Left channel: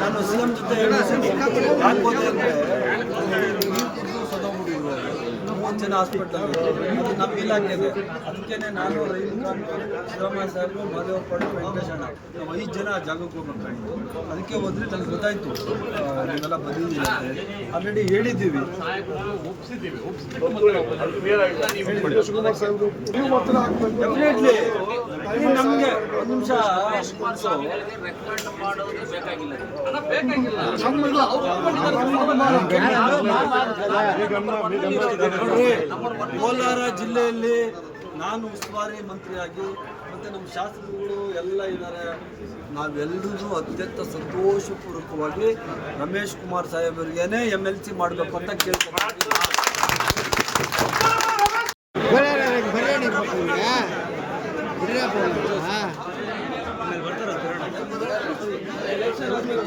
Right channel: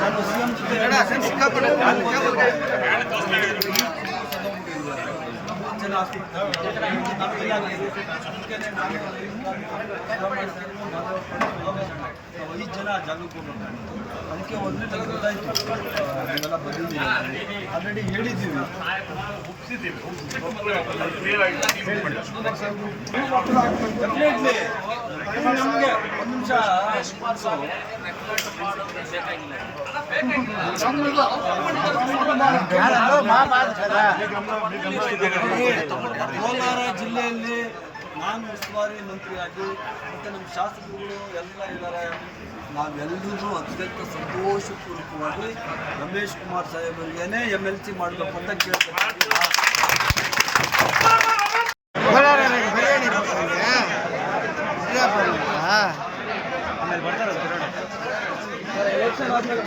ನಾನು CM ಜೊತೆ ಜನ ಹಾಸ್ಪಿಟಲ್ ನಮ್ಮ ಇಲಾಖೆ ಇದೆ. ಅದಕ್ಕೆ ನಾನು ಶಿವರಾಮಯ್ಯ ಸಾಹೇಬರು ಮಾದೇವಪ್ಪಣ್ಣ ವೆಂಕಟೇಶಣ್ಣ ನಾವು 5 ಜನ ಆ ಜಾಗಕ್ಕೆ ಹೋಗ್ಬೇಕಾಗಿತ್ತು. ಅದಕ್ಕೆ ಹೋದರೆ ನನಗೆ ಗೊತ್ತಾಯಿತು ನೀವೆಲ್ಲ ಬಂದಿದ್ದೀವಿ ಆಲ್ರೆಡಿ ಹೇಳಿದ್ದೀವಿ. ನಮಗೆ ಒಂದು ನಿಮಿಷ ಕೋಲಾರ ಜಿಲ್ಲೆಯಲ್ಲಿ ನಾನು ಉಸ್ತುವಾರಿ ಮಂತ್ರಿಯಾಗಿ ಮತ್ತು ನಮ್ಮ ಶಾಸಕರುಗಳು ಎಲ್ಲ ಇದ್ದಾರೆ. ನಾವೆಲ್ಲರೂ ಅತ್ಯಂತ ಸಂತೋಷಪೂರ್ವಕವಾಗಿ ರಮೇಶ್ ಕುಮಾರ್ ಸಾಹೇಬರಿಗೇನೆ MLC ಮಾಡಬೇಕು ಅಂತ ಕೇಳ್ತಾರೆ. ಎಲೆಕ್ಷನ್ ಆದಮೇಲೆ